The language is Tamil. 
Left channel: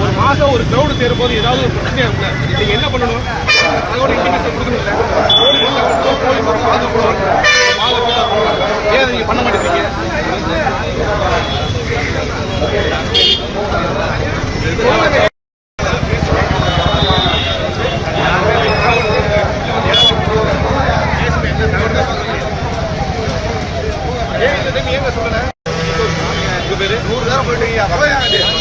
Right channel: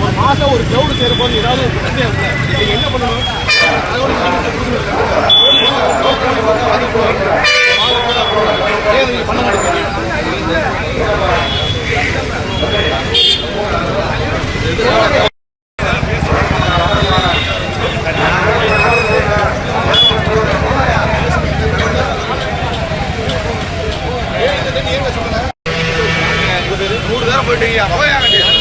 ஒரு மாசம் ஒரு கிரௌடு சேர போது ஏதாவது ஒரு பிரச்சனை இருக்குல்ல நீங்க என்ன பண்ணணும் அதோட இண்டிகேஷன் கொடுக்கணும்ல ஏன் நீங்க பண்ண மாட்டேங்கிறீங்க பண்ண மாட்டேங்கிறீங்க ஏங்க சொல்லல நூறு காரம் போயிட்டு